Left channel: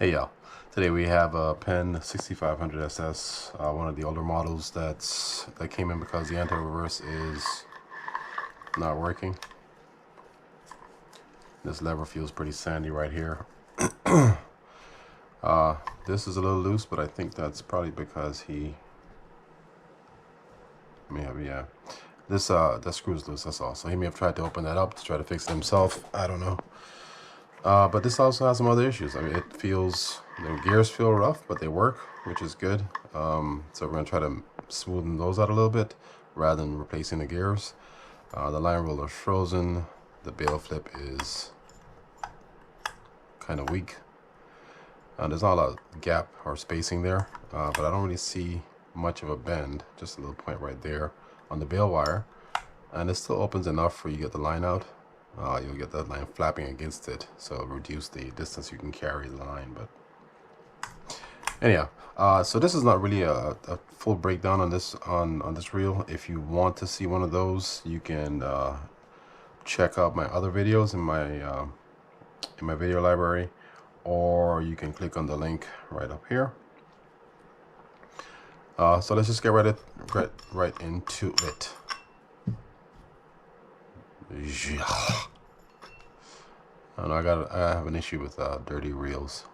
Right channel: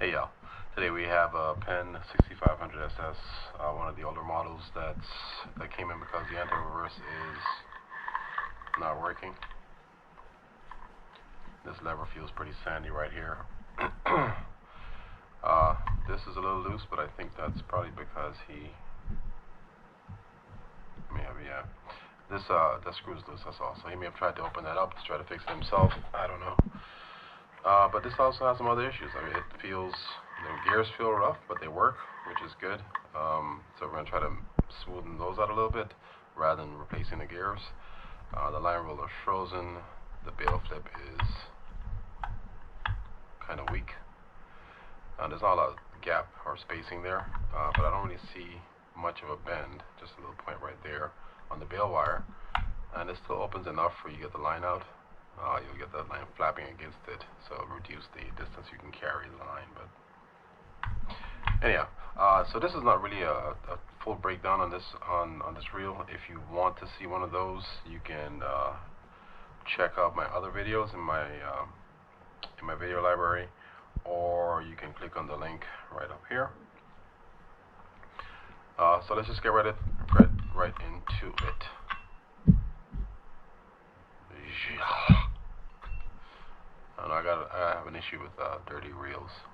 Hey y'all, today we have a Penn 6500 SS, one of the older models that came in because the anti-reverse is not working. This lever feels pretty sandy right here. This is a little loose, but I think that's probably because he may have, this that screw's loose, that's all. So he may have tried to open that up to try to fix it himself. I don't know. But this also has some other issues. I mean, it feels, the gears feel rough, but they work, which is good. So we're gonna try to smoothen those out a little bit rather than replacing the gears. The line roller is frozen. The bail flip is kind of weak. There's not a lot of gap or spacing there, but I don't really see much of a bend, just a little point right there on the bail wire. And it still opens enough for you to get the line out. You'll get that line flapping against it, so it'll reduce the distance you can carry the line. But anyhow, so this is not really a full breakdown on this reel. If you want to see one of those, you can check out my other videos in my video library, or you can click on the link right up here. So let's just get right into it. I have an issue with dirty reels.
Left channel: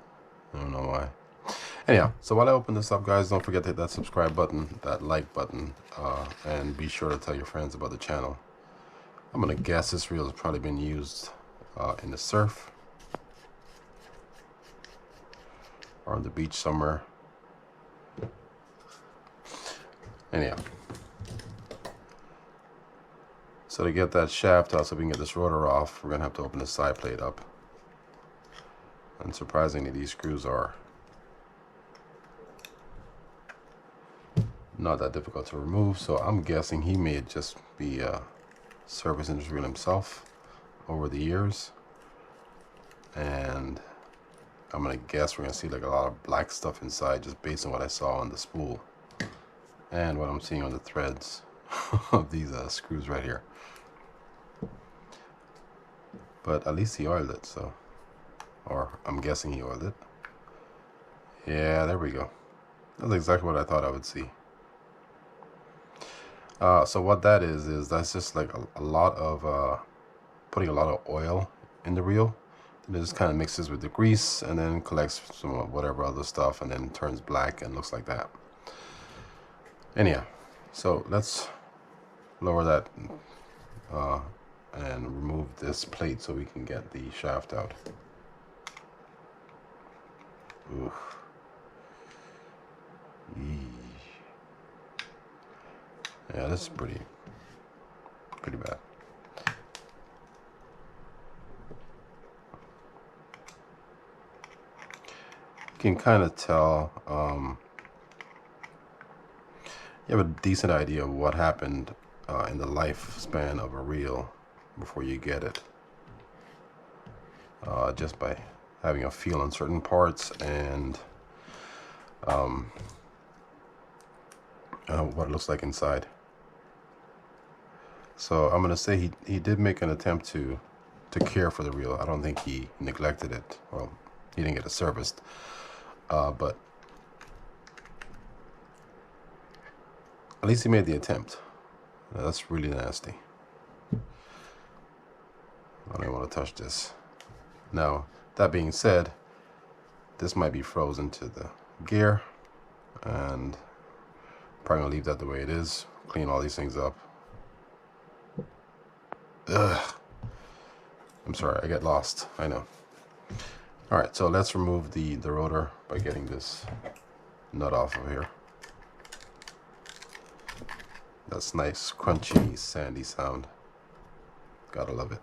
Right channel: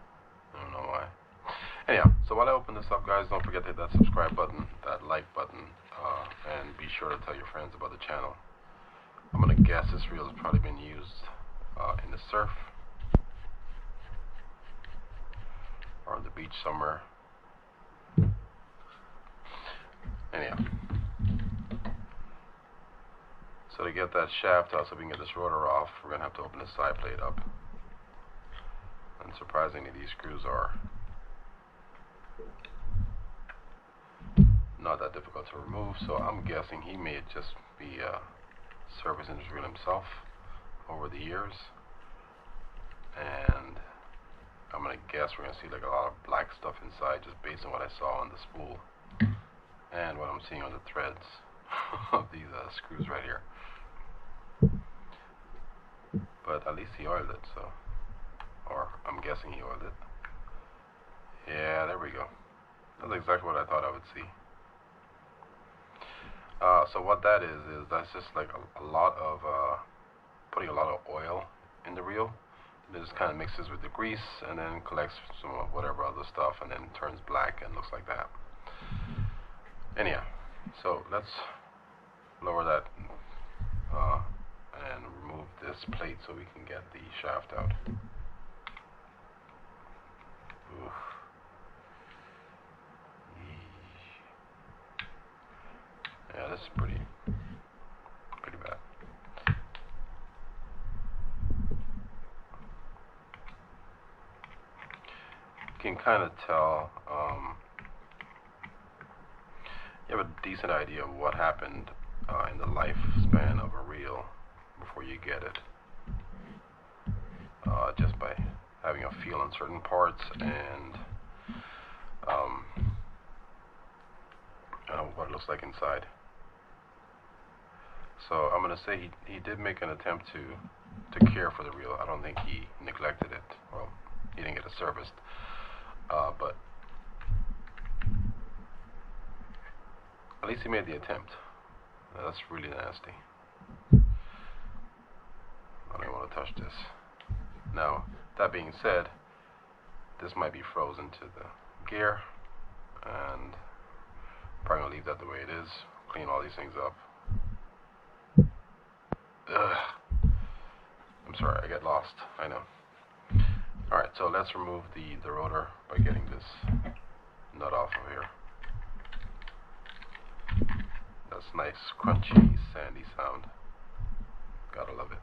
I don't know why. Anyhow, so while I open this up, guys, don't forget to hit that subscribe button, that like button, and be sure to tell your friends about the channel. I'm gonna guess this reel has probably been used in the surf or on the beach somewhere. Anyhow, so to get that shaft out so we can get this rotor off, we're gonna have to open the side plate up. And surprisingly, these screws are not that difficult to remove, so I'm guessing he may just be servicing this reel himself over the years. And I'm gonna guess we're gonna see like a lot of black stuff inside, just based on what I saw on the spool and what I'm seeing on the threads of these screws right here. But at least he oiled it, so, or I'm guessing he oiled it. Yeah, there we go. That's exactly what I thought I would see. So what that is that's just like a lot of putting a lot of oil in the reel, and it just kind of mixes with the grease and then collects some of whatever other stuff and then turns black and looks like that. Anyhow, so let's lower that and remove this plate so we can get the shaft out. Oof. Yeah, this is pretty bad. You can kind of tell, you have a decent idea of what happened in the lifespan of a reel before you get it, just by having a feel on certain parts and what it looks like inside. So I'm gonna say he did make an attempt to care for the reel. I don't think he neglected it. Well, he didn't get it serviced, but at least he made the attempt. That's really nasty. I don't want to touch this. Now, that being said, this might be frozen to the gear, and probably gonna leave that the way it is. Clean all these things up. Ugh. I'm sorry, I get lost. I know. All right, so let's remove the rotor by getting this nut off of here. That's nice, crunchy, sandy sound. Gotta love it.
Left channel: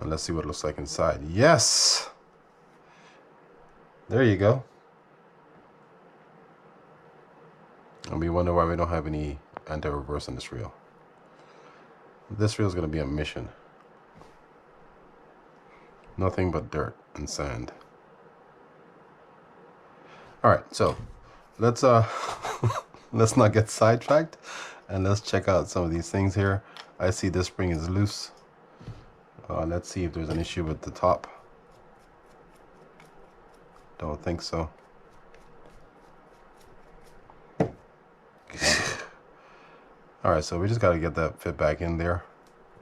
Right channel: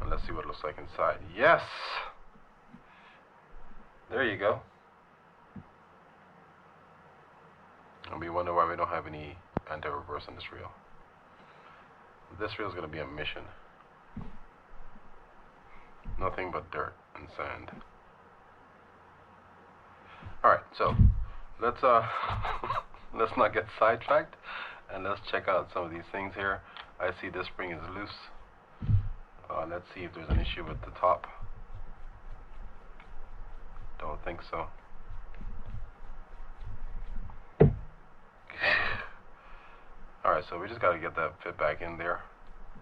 And let's see what it looks like inside. Yes! There you go. And we wonder why we don't have any anti-reverse on this reel. This reel is going to be a mission. Nothing but dirt and sand. All right, so let's let's not get sidetracked And let's check out some of these things here. I see this spring is loose. Let's see if there's an issue with the top. Don't think so. Alright, so we just got to get that fit back in there,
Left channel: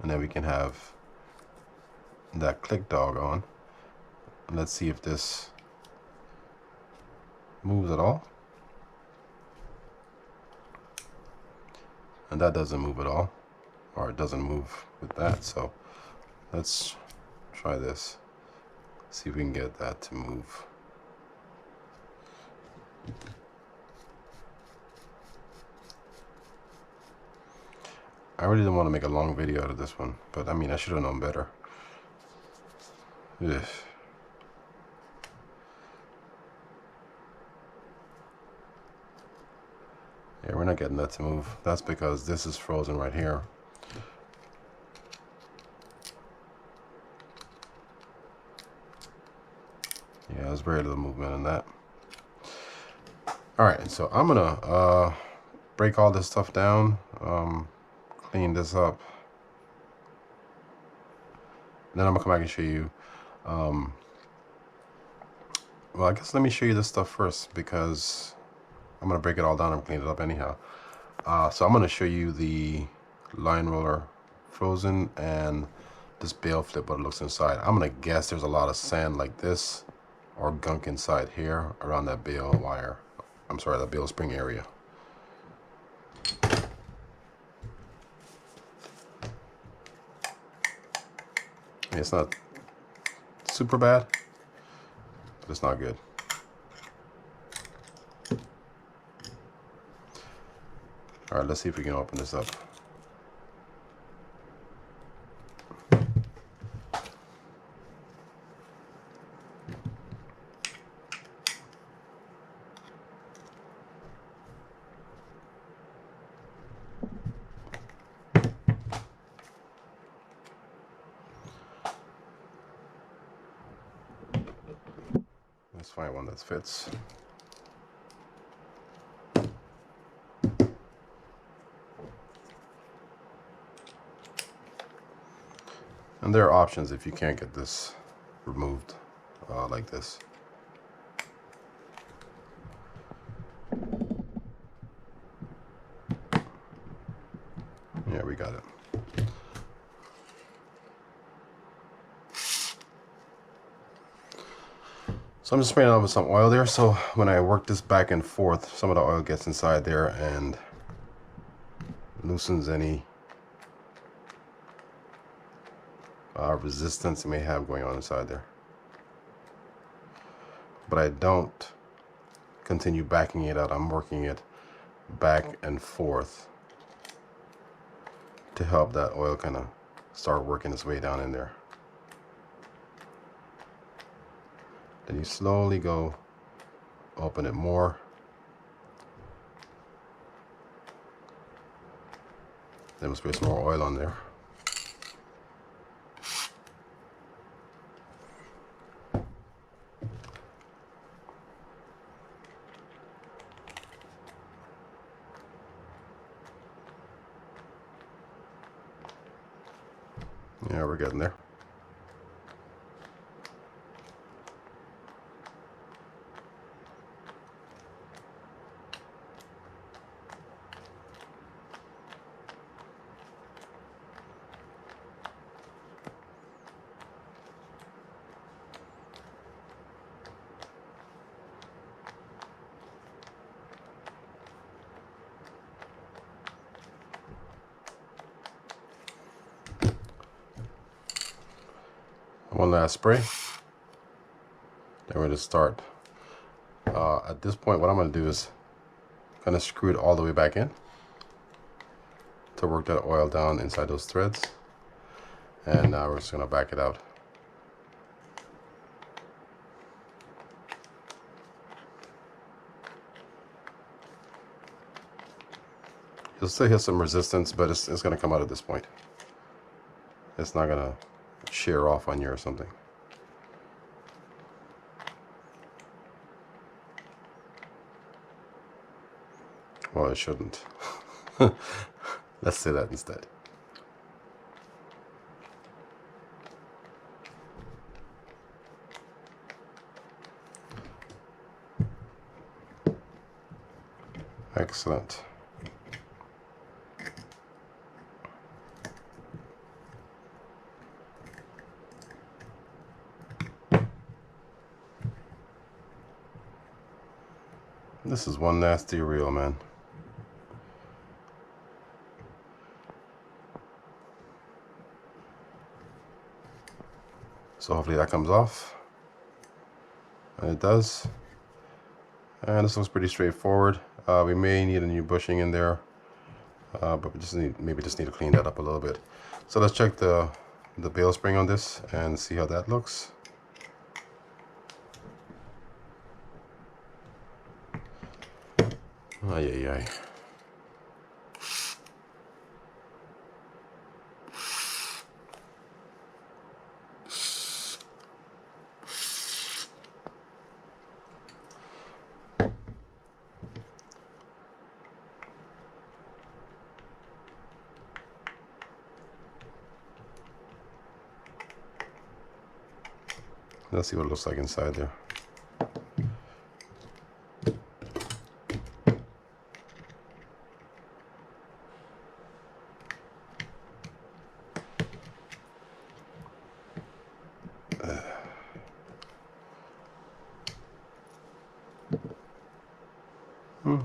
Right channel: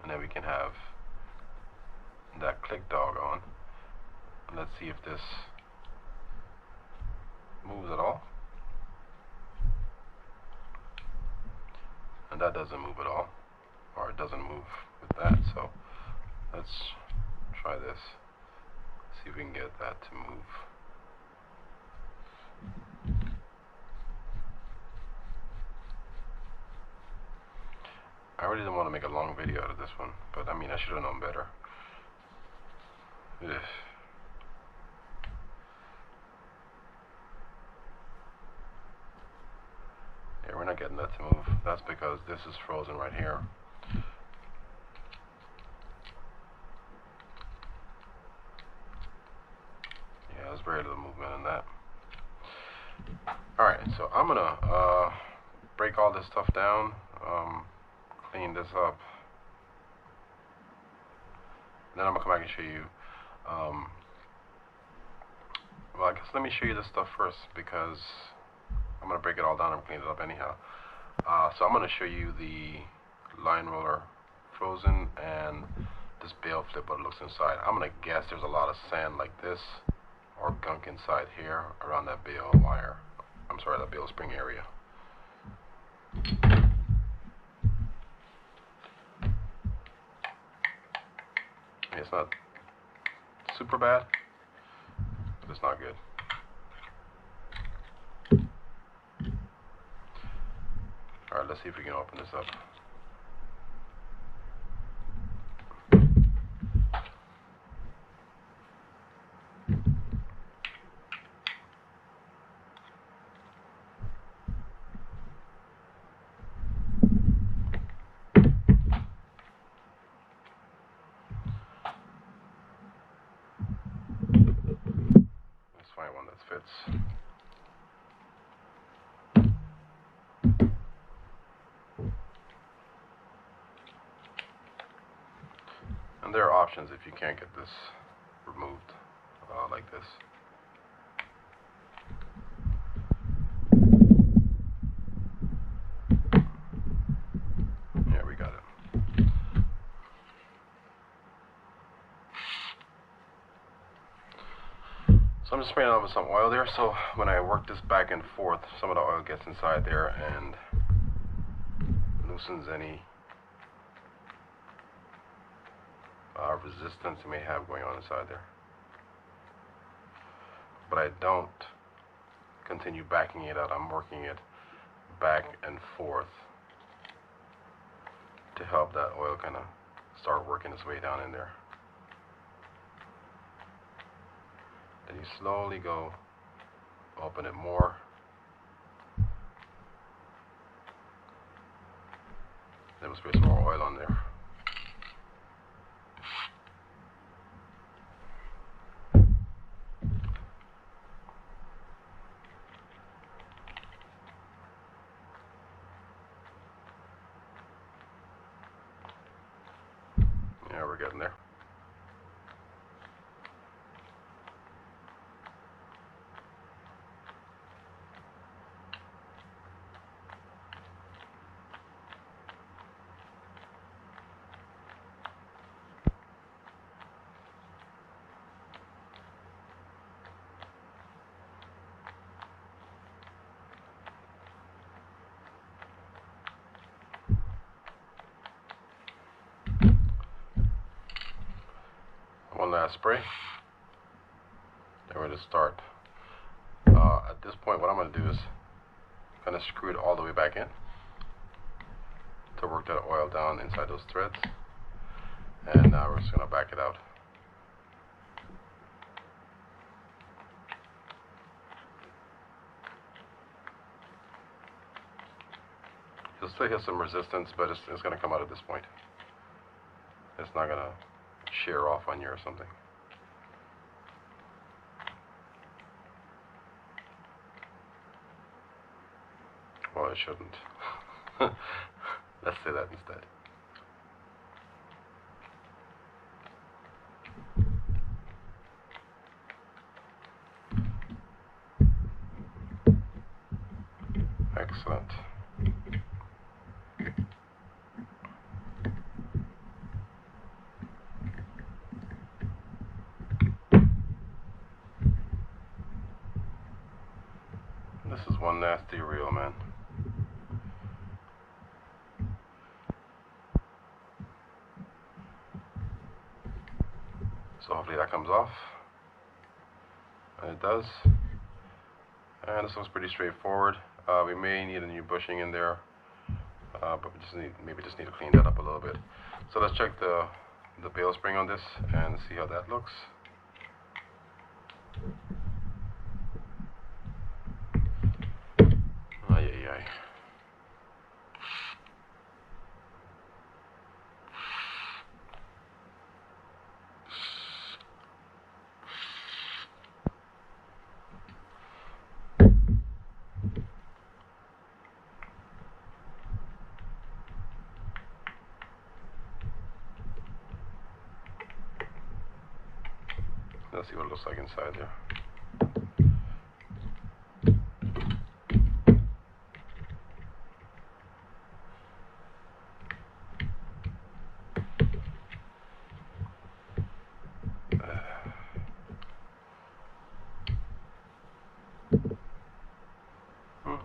and then we can have that click dog on. Let's see if this moves at all. And that doesn't move at all, or it doesn't move with that. So let's try this, see if we can get that to move. I really didn't want to make a long video out of this one, but I mean, I should have known better. Ugh. Yeah, we're not getting that to move. That's because this is frozen right here. Yeah, there's very little movement in that. Alright, so I'm gonna break all this stuff down, clean this up. Then I'm gonna come back and show you. Well, I guess let me show you this stuff first, because I'm gonna break it all down and clean it up anyhow. So I'm gonna show you the line roller frozen and this bale flip, what it looks inside. I'm gonna guess there's a lot of sand like this or gunk inside here around that bale wire. I'm sorry, that bale spring area. It's not super bad, but it's not good. All right, let's see if we can open this up. Let's find one that fits. And there are options if you can't get this removed like this. Yeah, we got it. So I'm just spraying it on with some oil there, so when I work this back and forth, some of the oil gets inside there and loosens any resistance it may have going on inside there. But I don't continue backing it out. I'm working it back and forth to help that oil kind of start working its way down in there. Then you slowly go open it more. Then we'll spray some more oil on there. Yeah, we're getting there. One last spray. Then we're going to start. At this point, what I'm going to do is kind of screw it all the way back in to work that oil down inside those threads. And now we're just going to back it out. You'll still hit some resistance, but it's going to come out at this point. It's not going to shear off on you or something. Well, it shouldn't. Let's say that instead. Excellent. This is one nasty reel, man. So hopefully that comes off. And it does. And this looks pretty straightforward. We may need a new bushing in there, but we just maybe just need to clean that up a little bit. So let's check the bail spring on this and see how that looks. Ay, ay, ay. Let's see what it looks like inside there.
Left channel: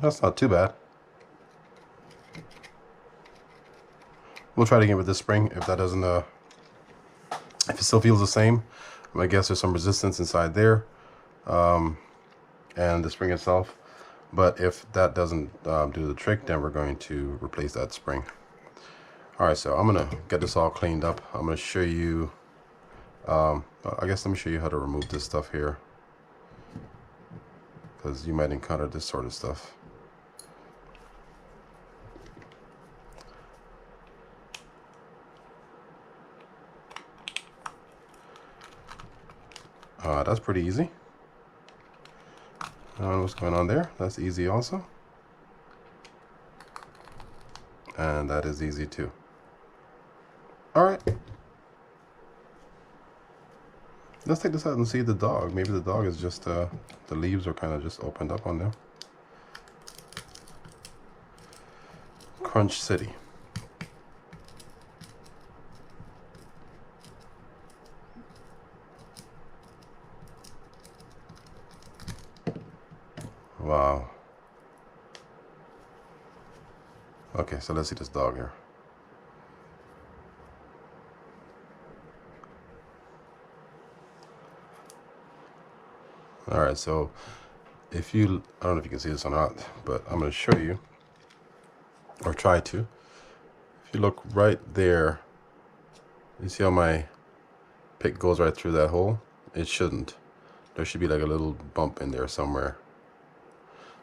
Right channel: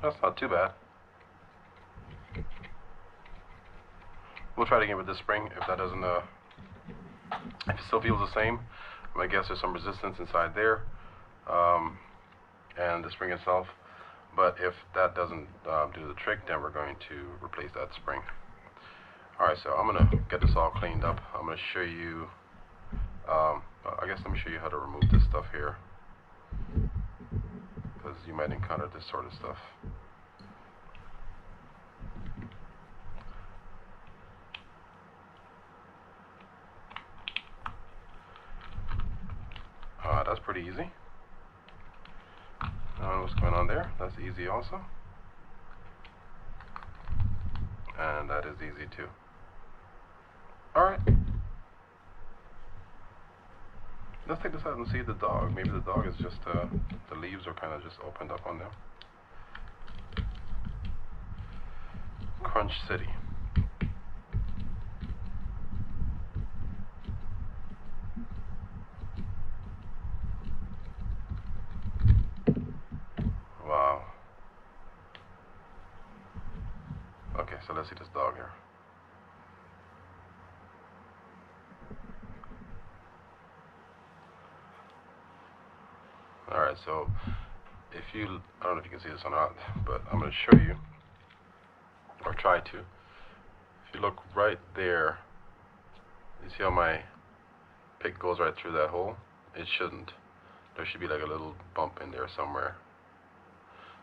That's not too bad. We'll try it again with this spring. If that doesn't, if it still feels the same, I guess there's some resistance inside there, and the spring itself. But if that doesn't do the trick, then we're going to replace that spring. All right, so I'm gonna get this all cleaned up. I'm gonna show you. I guess let me show you how to remove this stuff here, because you might encounter this sort of stuff. That's pretty easy. What's going on there? That's easy also. And that is easy too. All right. Let's take this out and see the dog. Maybe the dog is just, the leaves are kind of just opened up on there. Crunch City. Wow. Okay, so let's see this dog here. All right, so if you, I don't know if you can see this or not, but I'm going to show you, or try to. If you look right there, you see how my pick goes right through that hole? It shouldn't. There should be like a little bump in there somewhere.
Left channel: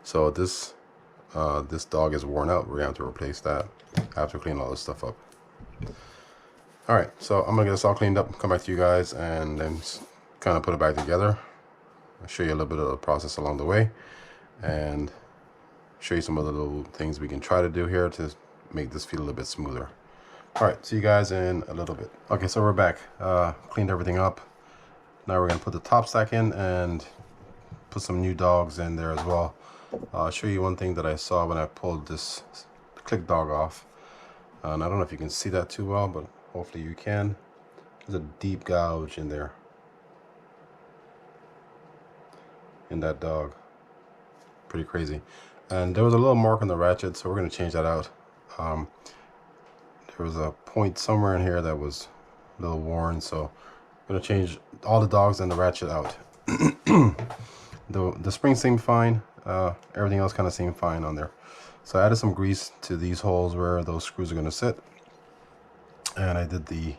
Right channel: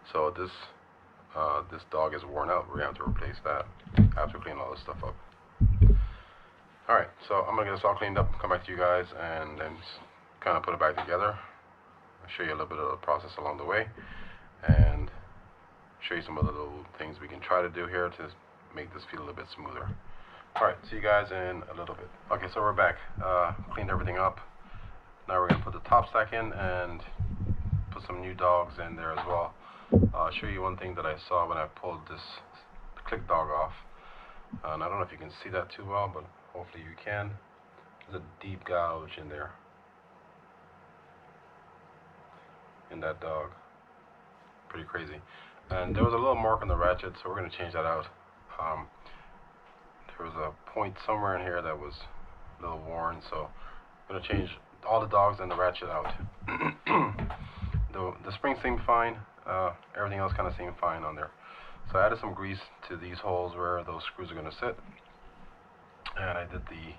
So this this dog is worn out. We're going to have to replace that after cleaning all this stuff up. All right, so I'm gonna get this all cleaned up, come back to you guys, and then kind of put it back together. I'll show you a little bit of the process along the way, and show you some other little things we can try to do here to make this feel a little bit smoother. All right, see you guys in a little bit. Okay, so we're back. Cleaned everything up. Now we're gonna put the top stack in and put some new dogs in there as well. I'll show you one thing that I saw when I pulled this click dog off. And I don't know if you can see that too well, but hopefully you can. There's a deep gouge in there, in that dog. Pretty crazy. And there was a little mark on the ratchet, so we're going to change that out. There was a point somewhere in here that was a little worn, so I'm going to change all the dogs and the ratchet out. The spring seemed fine. Everything else kind of seemed fine on there. So I added some grease to these holes where those screws are going to sit, and I did the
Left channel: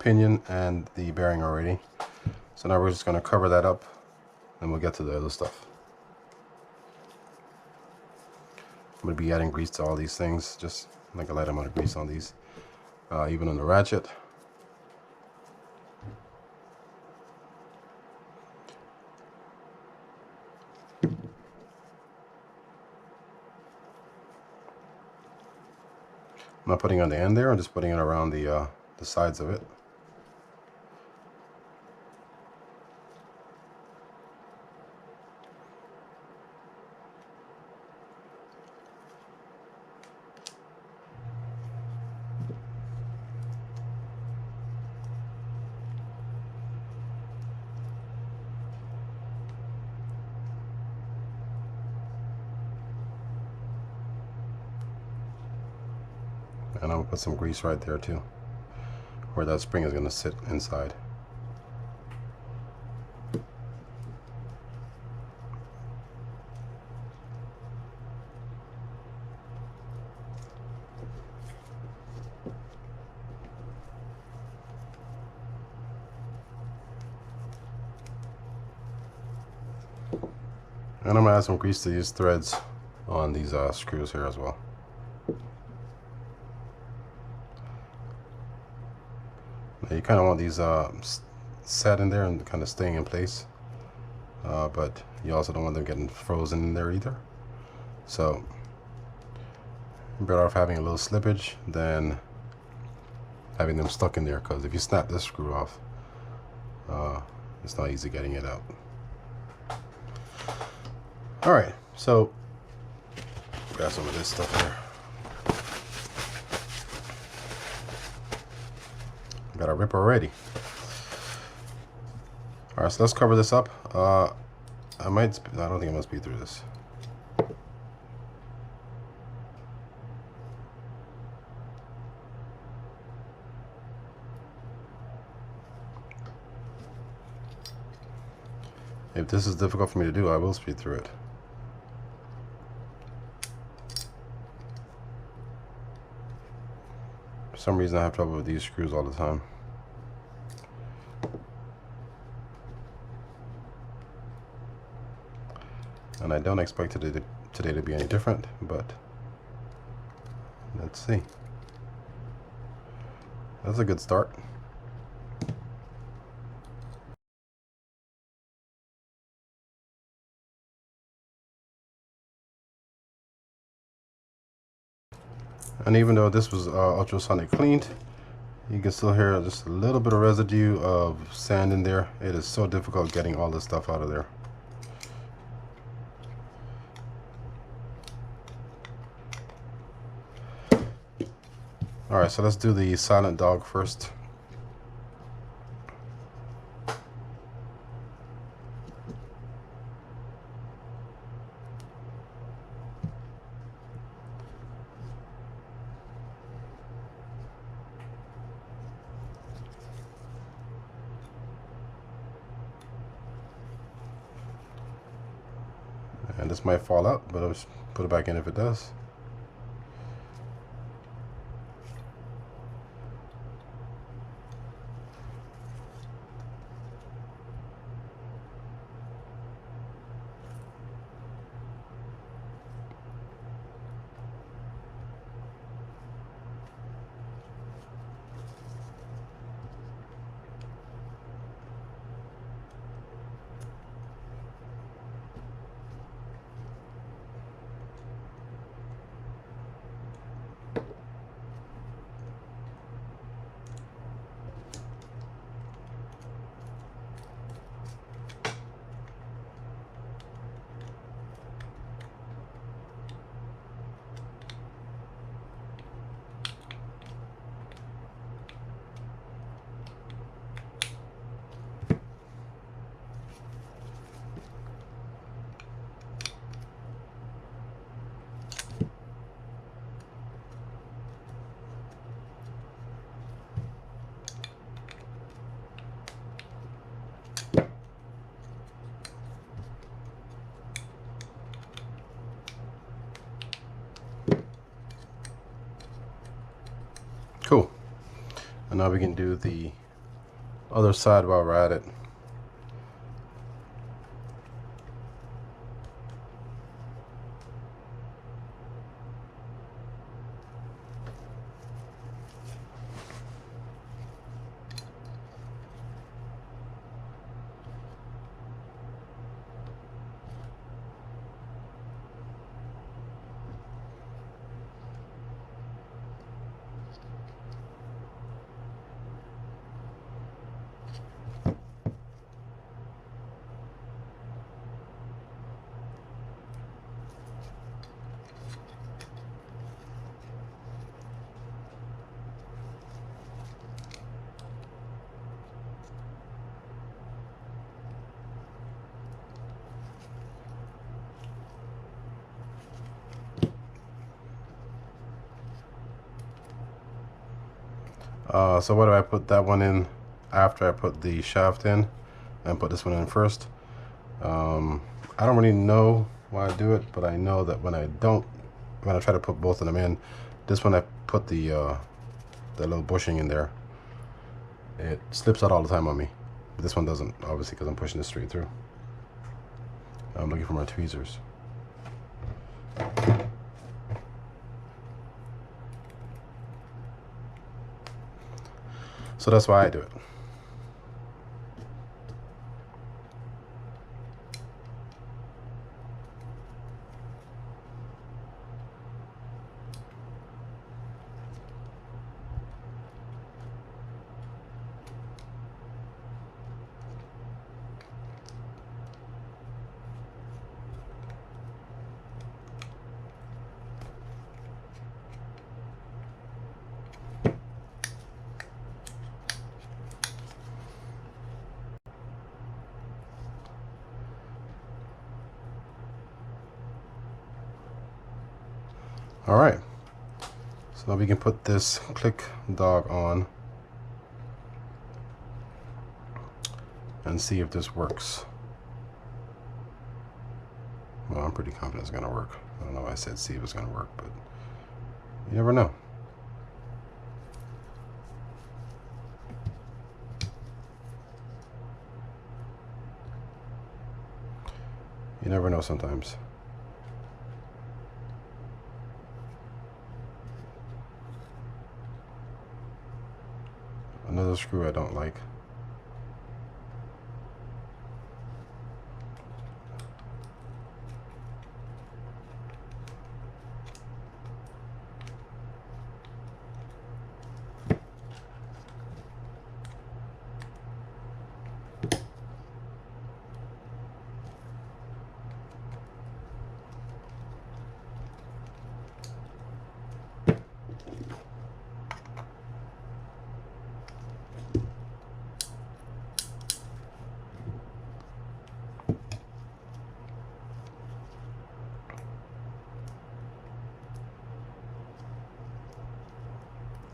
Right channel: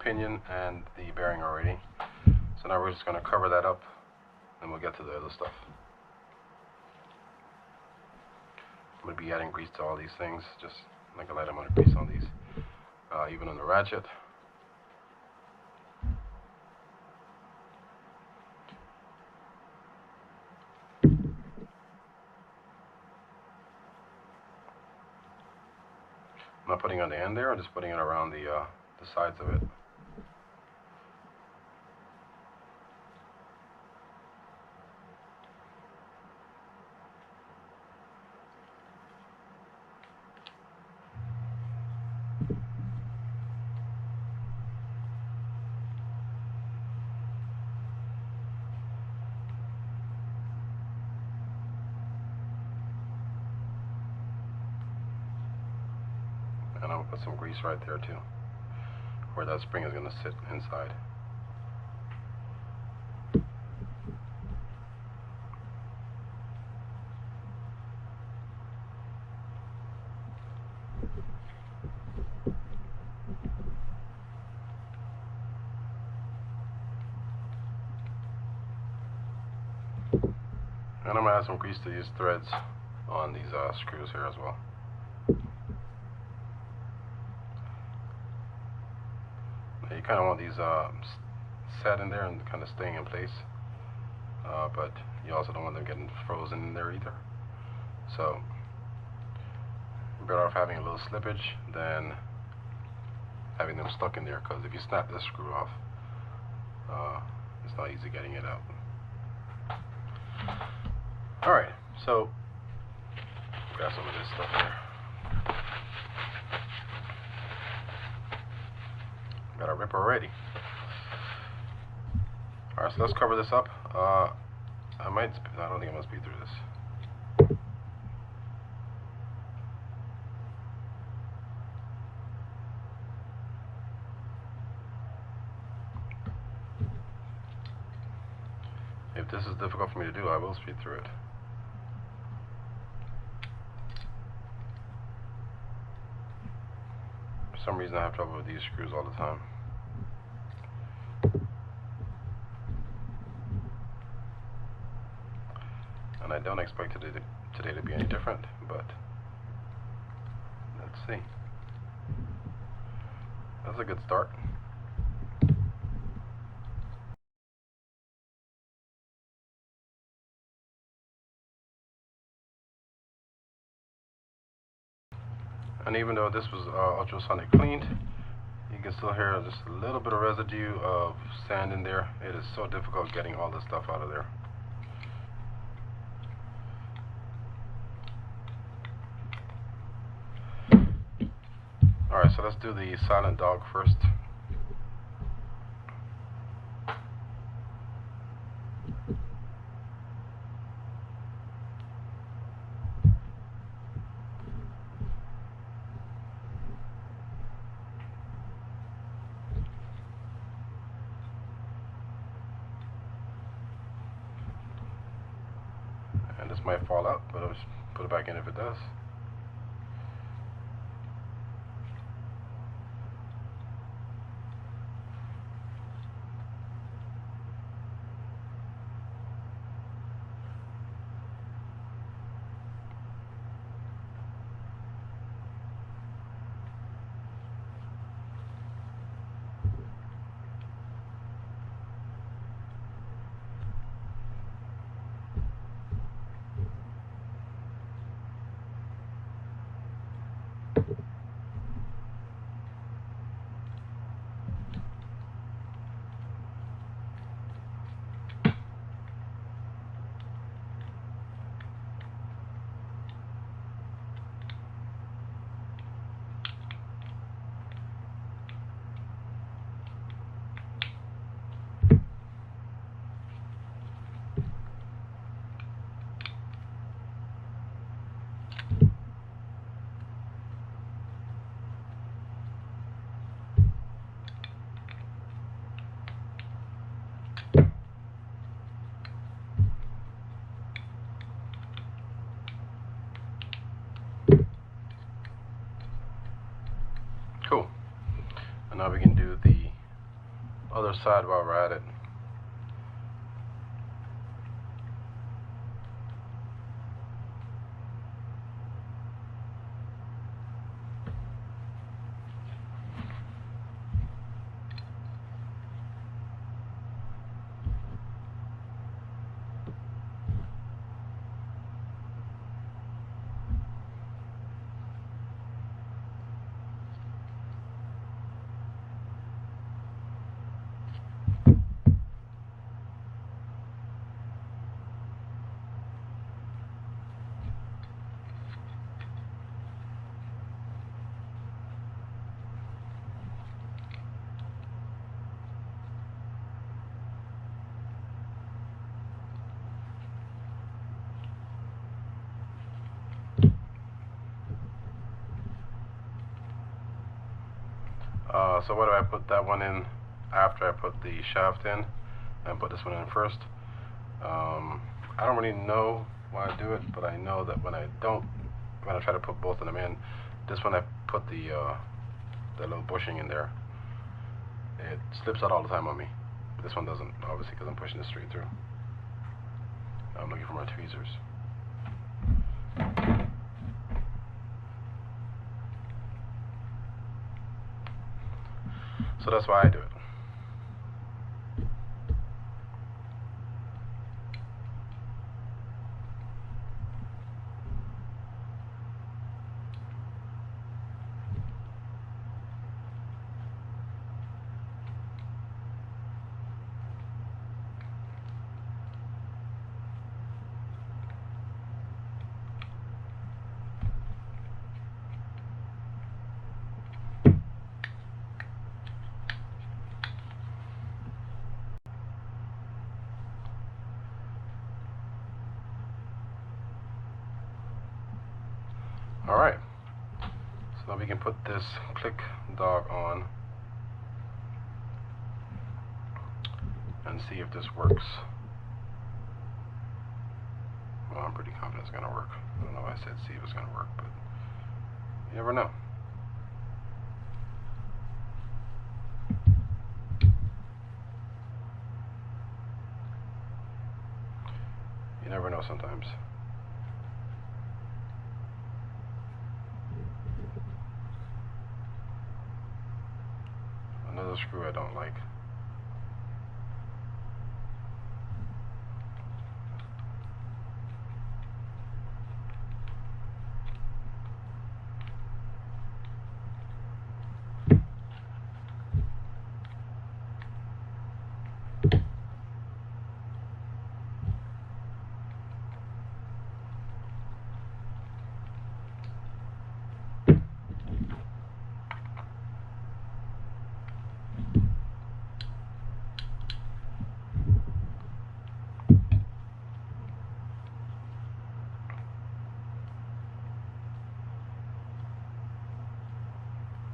pinion and the bearing already. So now we're just going to cover that up, and we'll get to the other stuff. I'm going to be adding grease to all these things, just like a light amount of grease on these, even on the ratchet. I'm not putting it on the end there, I'm just putting it around the sides of it. And I'm gonna put some grease right there too, where that spring is gonna sit inside. And I'm gonna add some grease to these threads on these screws here as well. Now you kind of want these set in there and kind of staying in place, but you also don't want them getting frozen in there either. So you're better off having a little slippage than having them stuck in there, because if you snap this screw off, it's not easy getting it out. All right, so grab some of this stuff here. Got a ripper ready. All right, so let's cover this up. I don't think I'm gonna speed through this. If this is difficult for me to do, I will speed through it. For some reason, I have trouble with these screws all the time. And I don't expect today to be any different, but let's see. That's a good start. And even though this was ultrasonic cleaned, you can still hear just a little bit of residue of sand in there. It is so difficult getting all this stuff out of there. All right, so let's do the silent dog first. And this might fall out, but I'll just put it back in if it does. Cool. And now we can do the other side while we're at it. So what do I put that one in after I put the shaft in and put this one in first? I don't really know why I do it, but I know that when I try to put both of them in, this one I put the little bushing in there, it slips out all the time on me. But this one doesn't, obviously, because I'm pushing this straight through. I'm looking for my tweezers. So that's why I do it. All right, so now we can put this click dog on and see if this works. Well, I'm pretty confident it's gonna work. I don't know why I said see if it's gonna work, but you never know. You never know sometimes. Another screw I don't like.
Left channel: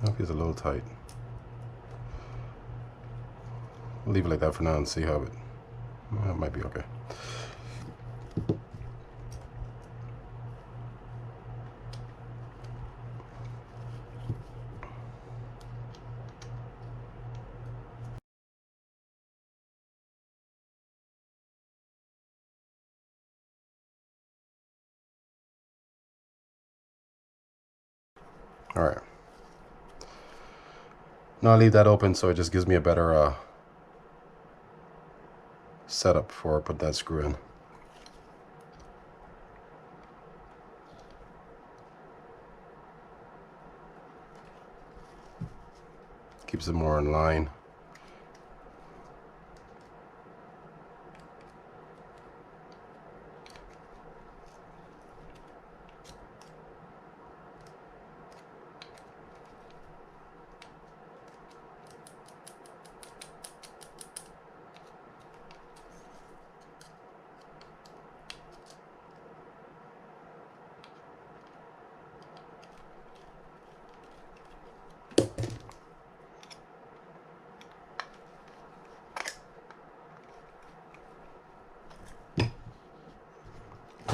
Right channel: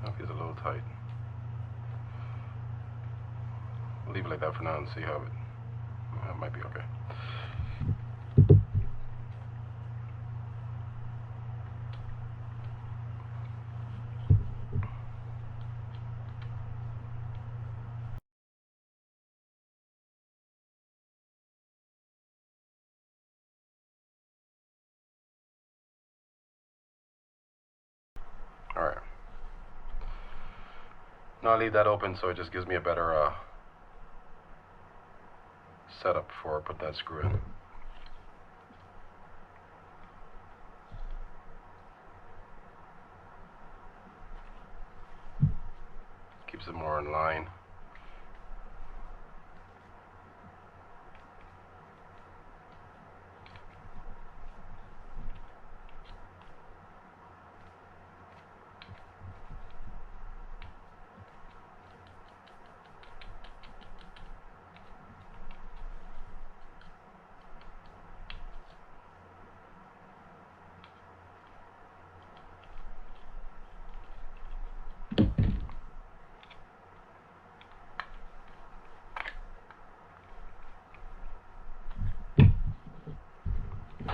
I think it's a little tight. We'll leave it like that for now and see how it might be okay. All right. Now I'll leave that open so it just gives me a better setup for put that screw in. Keeps it more in line.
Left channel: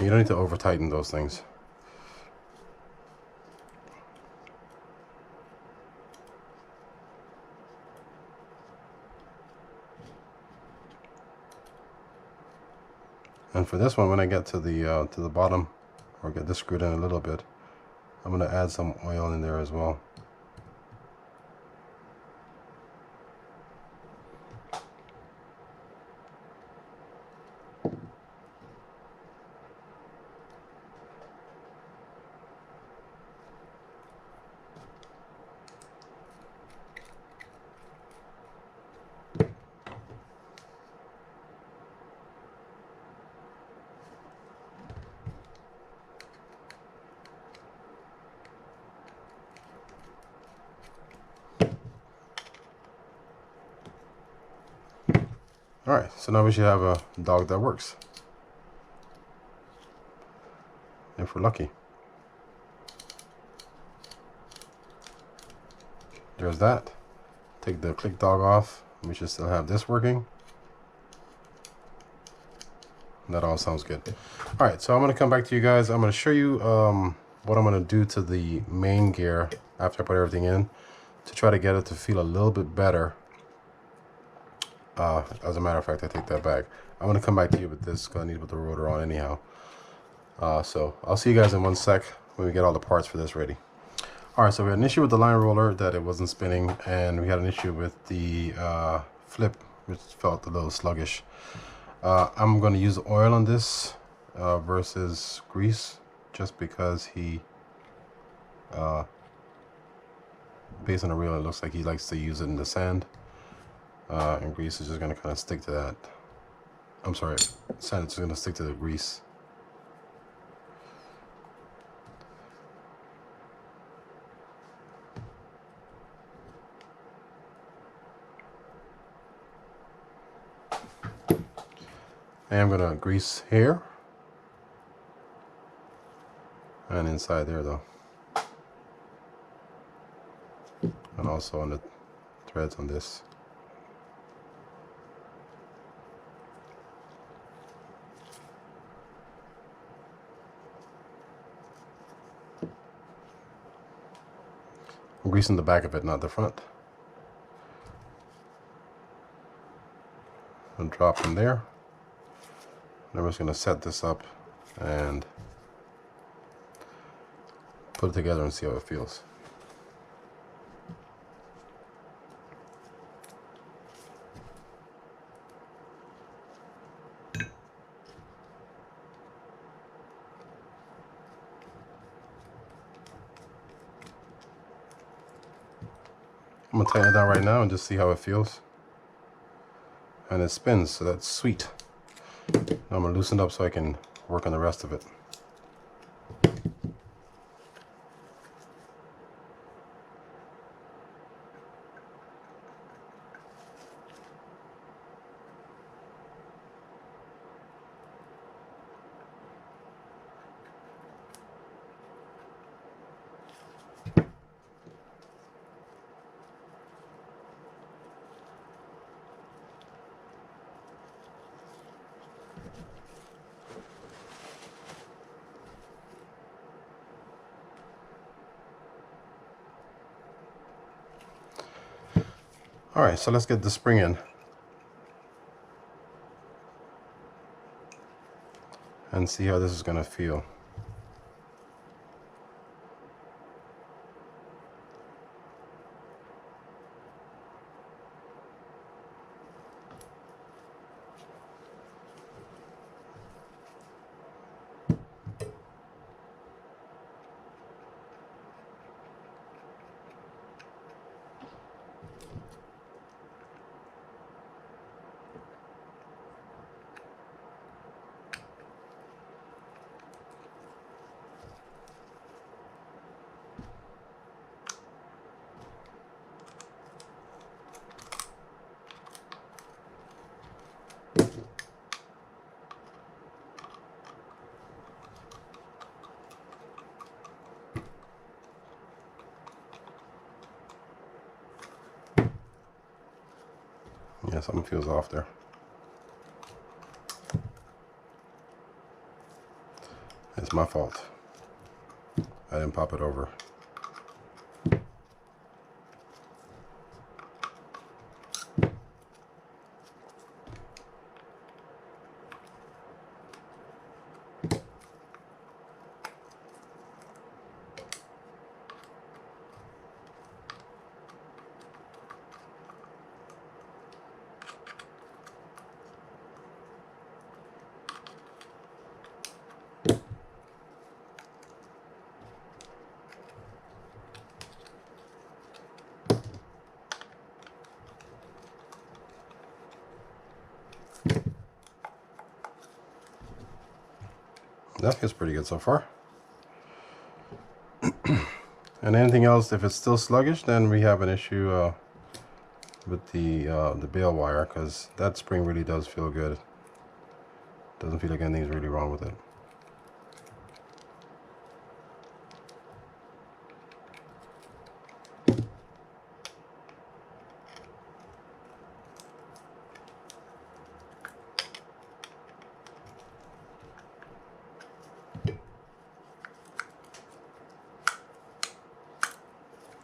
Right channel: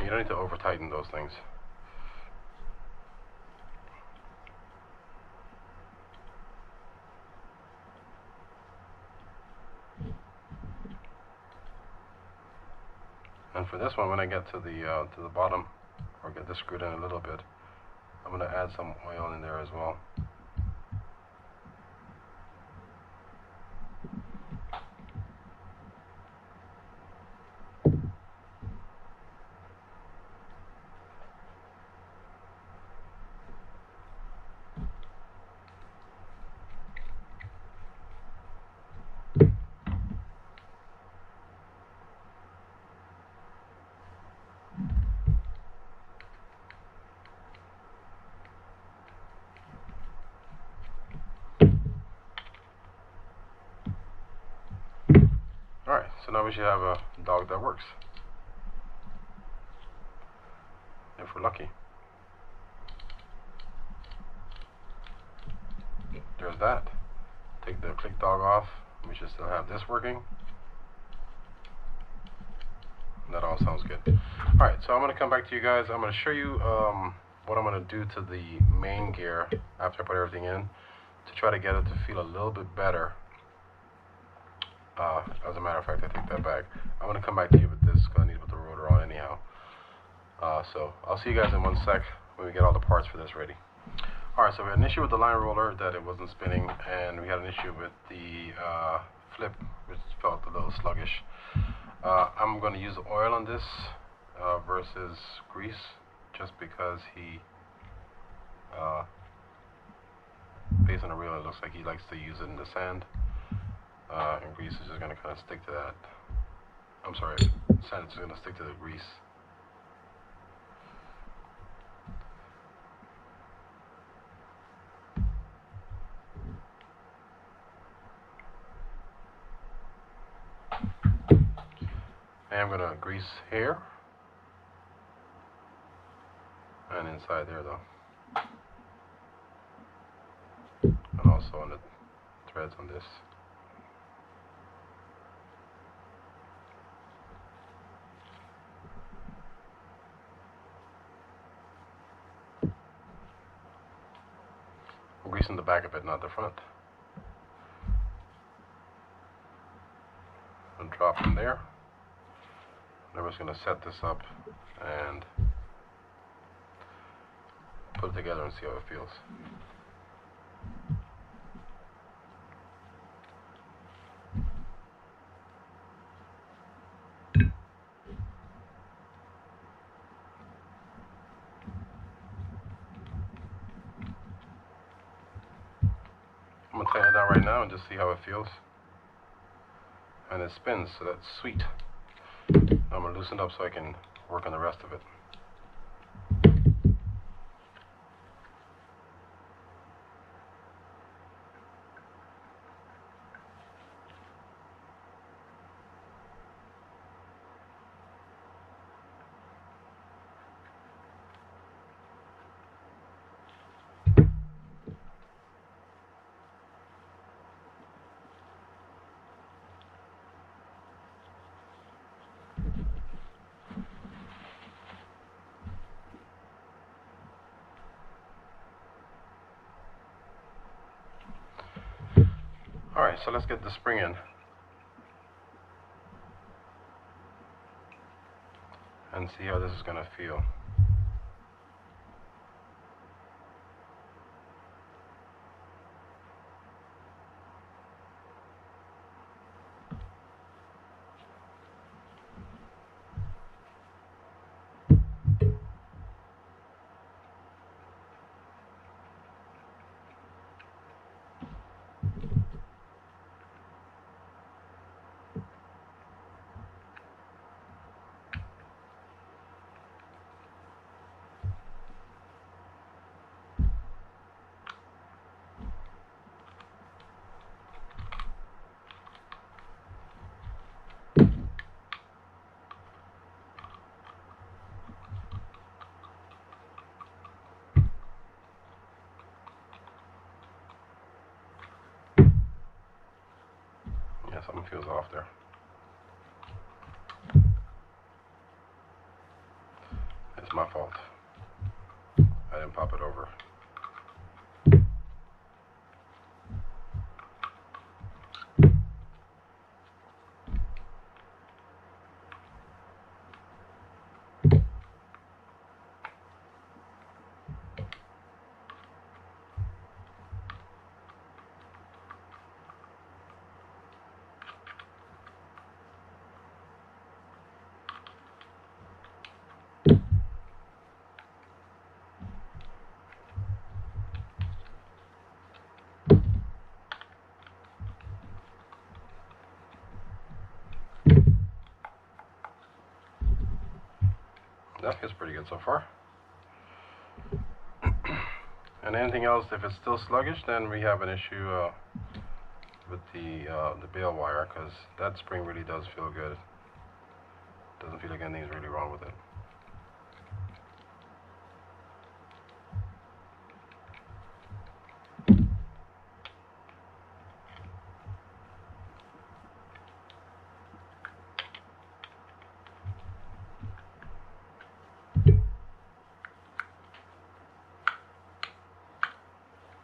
You don't need to over tighten those things. And for this one, when I get to the bottom, or get this screwed in a little bit, I'm going to add some oil in there as well. Alright, so now we should have a dog that works. If we're lucky. There's that. Take the click dog off. We should still have this working. That all sounds good. All right, so I'm gonna come back to you guys. I'm gonna show you what I'm gonna do to the main gear after I put everything in to try to get it to feel a little bit better. As a matter of fact, I take that back. I'm gonna come back to you with this because I need to put the rotor on anyhow. So I'll see you guys in 1 sec when we get all the parts for this ready. All right, so we had an issue with the line roller that it wasn't spinning, and we had an issue with the flip, which felt a little sluggish. I'm going to use oil on this versus grease, just because based on the reel, it looks like he likes to use it in the sand, and grease is just going to kind of stick to that. I'm sorry, sand is just going to stick to the grease. And I'm gonna grease here and inside there though, and also on the threads on this. I'm greasing the back of it, not the front. And drop in there. Then we're just going to set this up and put it together and see how it feels. I'm going to tighten it down right now and just see how it feels. And it spins, so that's sweet. Now I'm going to loosen it up so I can work on the rest of it. All right, so let's get the spring in and see how this is going to feel. Yeah, something feels off there. It's my fault. I didn't pop it over. That feels pretty good so far. And anything else, if it's still sluggish, then we have an issue with the bail wire, because that spring really does feel good. Doesn't feel like anything's really wrong with it.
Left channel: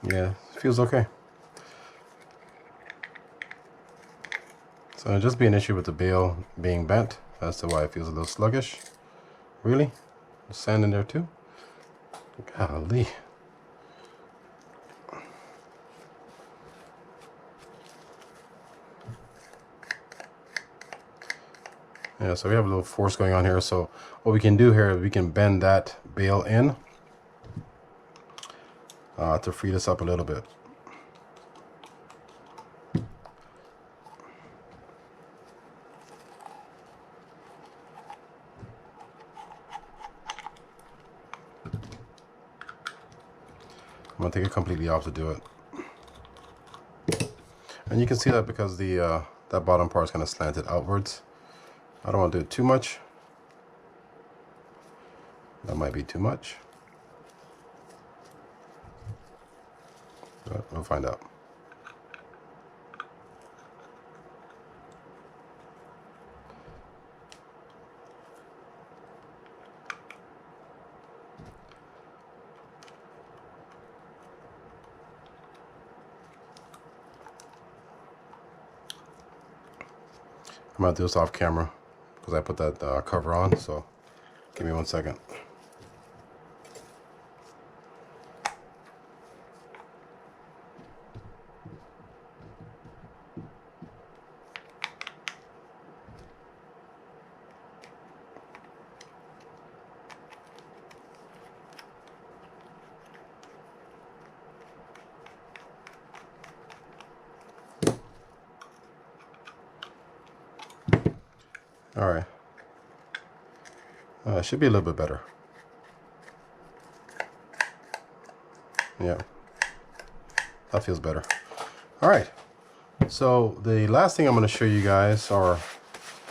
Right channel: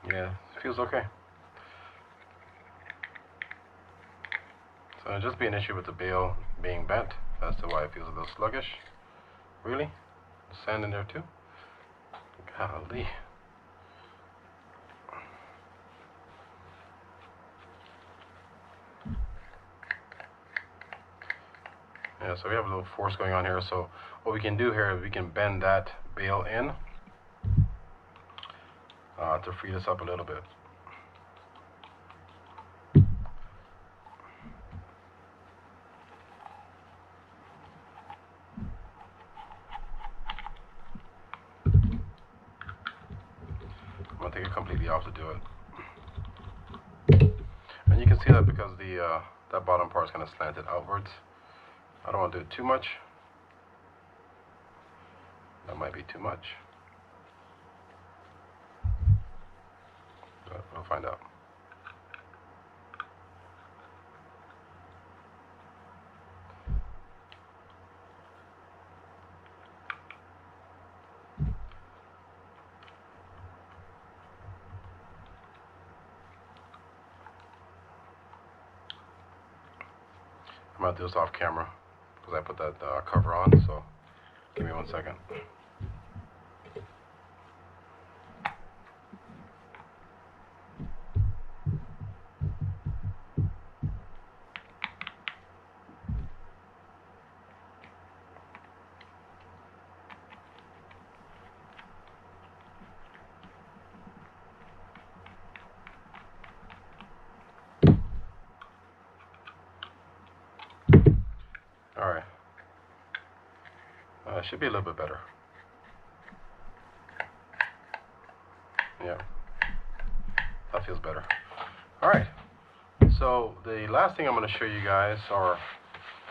Yeah, it feels okay. So it'll just be an issue with the bail being bent as to why it feels a little sluggish. Really? Sand in there too? Golly. Yeah, so we have a little force going on here. So what we can do here is we can bend that bail in to free this up a little bit. I'm gonna take it completely off to do it. And you can see that because the that bottom part is kind of slanted outwards. I don't want to do it too much. That might be too much. But we'll find out. I'm gonna do this off camera because I put that cover on, so give me 1 second. All right. It should be a little bit better. Yeah, that feels better. All right. So the last thing I'm going to show you guys, or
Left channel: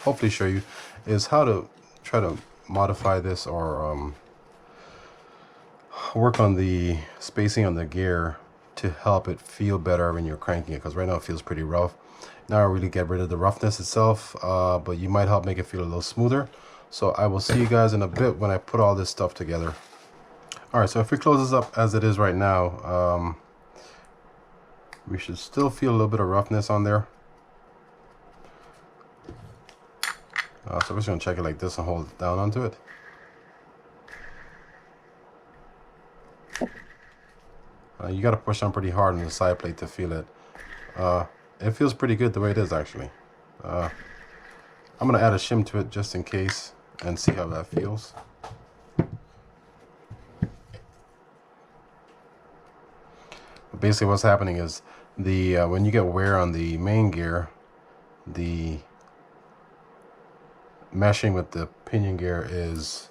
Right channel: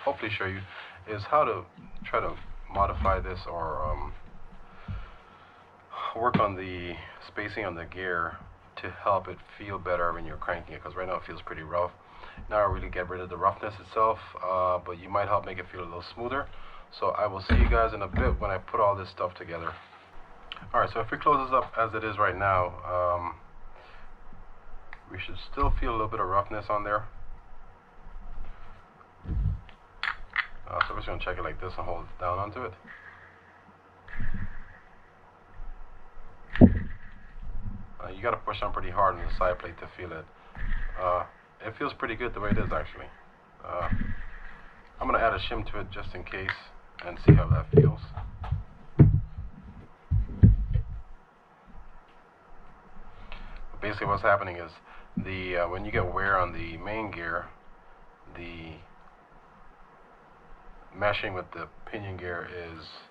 hopefully show you, is how to try to modify this or work on the spacing on the gear to help it feel better when you're cranking it, because right now it feels pretty rough. Not really get rid of the roughness itself, but you might help make it feel a little smoother. So I will see you guys in a bit when I put all this stuff together. All right, so if we close this up as it is right now, we should still feel a little bit of roughness on there. So we're just gonna check it like this and hold it down onto it. You gotta push on pretty hard on the side plate to feel it. It feels pretty good the way it is actually. I'm gonna add a shim to it just in case and see how that feels. But basically what's happening is the when you get wear on the main gear, the meshing with the pinion gear is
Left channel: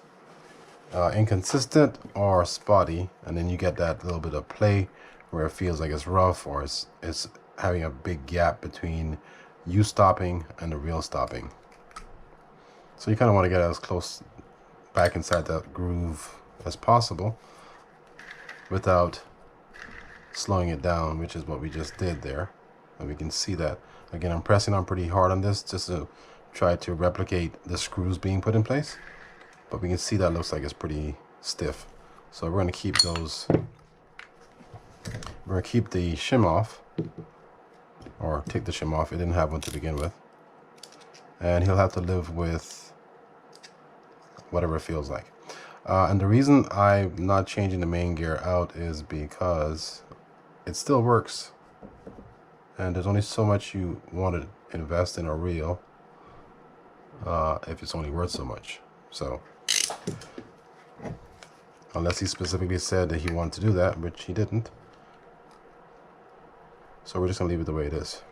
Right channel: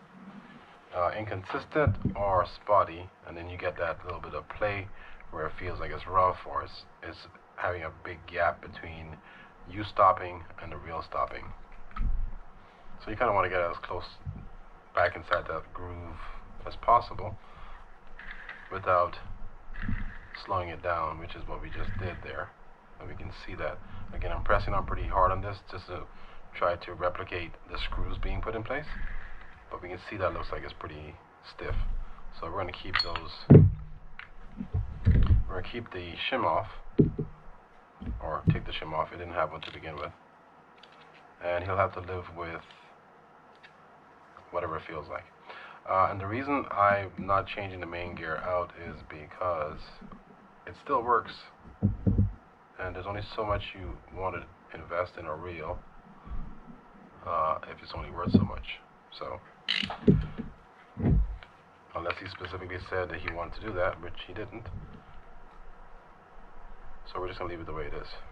inconsistent or spotty, and then you get that little bit of play where it feels like it's rough, or it's having a big gap between you stopping and the real stopping. So you kind of want to get as close back inside that groove as possible without slowing it down, which is what we just did there. And we can see that. Again, I'm pressing on pretty hard on this just to try to replicate the screws being put in place. But we can see that looks like it's pretty stiff. So we're going to keep those, we're going to keep the shim off, or take the shim off. It didn't have one to begin with. And he'll have to live with whatever it feels like. And the reason I'm not changing the main gear out is because it still works. And there's only so much you want to invest in a reel if it's only worth so much. So, unless he specifically said that he wanted to do that, which he didn't. So we're just gonna leave it the way it is.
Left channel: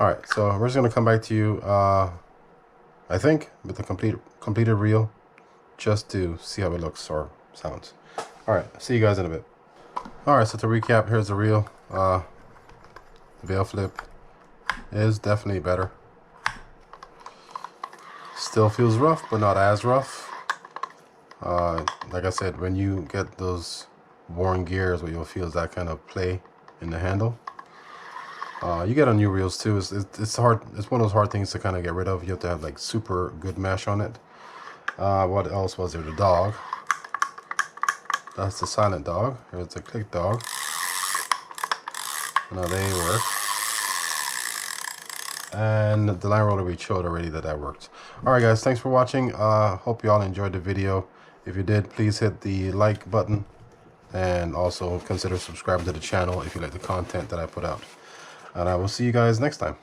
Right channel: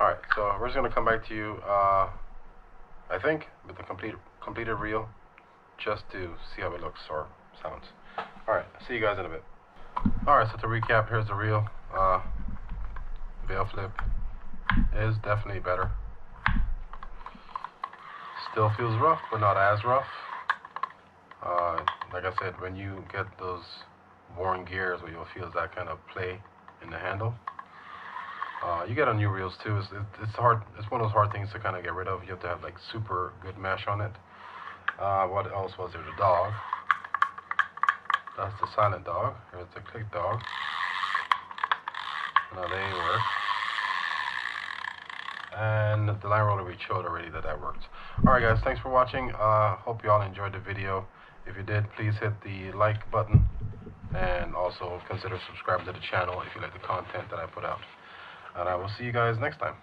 All right, so we're just gonna come back to you, I think, with the completed reel, just to see how it looks or sounds. All right, see you guys in a bit. All right, so to recap, here's the reel. The bail flip is definitely better. Still feels rough, but not as rough. Like I said, when you get those worn gears, what you'll feel is that kind of play in the handle. You get on new reels too. It's hard. It's one of those hard things to kind of get rid of. You have to have like super good mesh on it. What else was there? The dog. That's the silent dog. Here's the click dog. Now they work. And the line roller, we showed already that worked. All right, guys. Thanks for watching. Hope you all enjoyed the video. If you did, please hit the like button, and also consider subscribing to the channel if you like the content that I put out. And I will see you guys next time.